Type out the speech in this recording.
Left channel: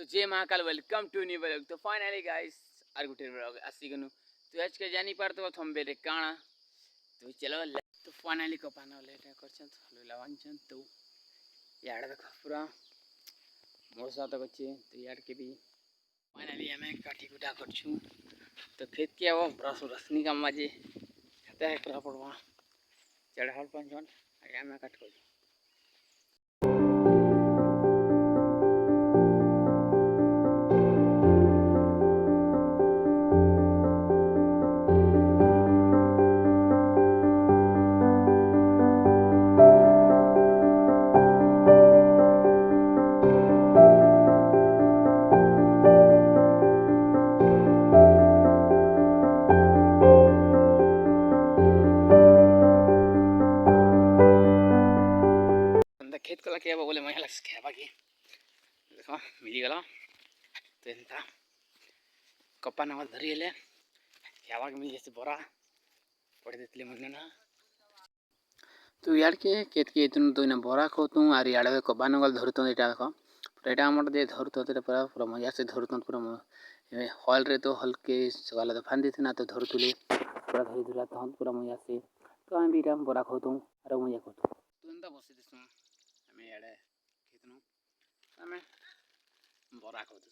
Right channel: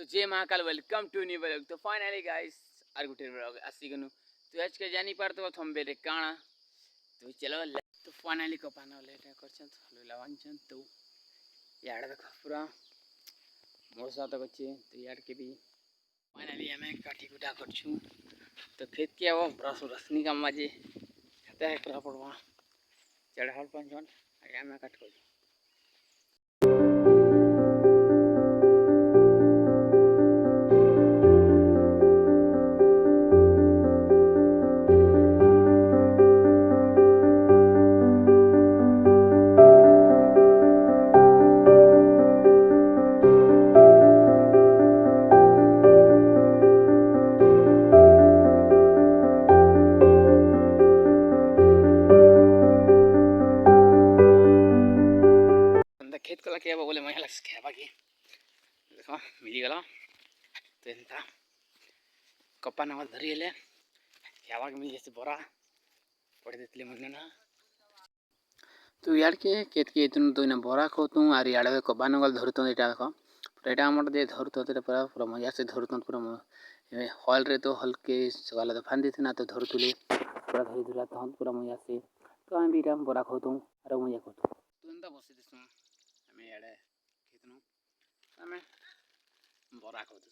तो जय Mahakal welcome to new blog. तो फाइनली गाइस आर गुटे ब्लॉग आसी गनु। तो आज के जानी पार तो हम बेरे काणा तो चलो तो फाइनली को पाना लेट करछन हलो लावंछन तो याड देखो पूरा मोर साथ अच्छे तो याड के भी फाइनली हमें काठी गुटा करछु। तो खेत के वो ब्रस रसनी का मजे कहते है करा पड़वा चढ़ाल पंचन आगे में काट कर खेत कला क्या बोले मैं लक्ष्य खेबा की देखो मिली गला तो इनता कप्पा नाव धरी ले खेबा के मिली जैसे बोरा पड़ देतले मन ना। तो यार के खेत के इतन तो इना बोरा खोतु आर याडे कप्पा नगल धरतो एटा देखो एटा हमर दे धरतो ते पूरा पूरा मजा से धरतो पूरा हॉल रे तो हल्के सगाला तो फांदी थे ना तो धरतुले पूरा धरी धरा तो पूरा मजा से तो हम भी राम बोरा खोतु आर मजा खोतु तो एंदा बसी दिसु हमें याडे खेतनु हमें बोरा खोतु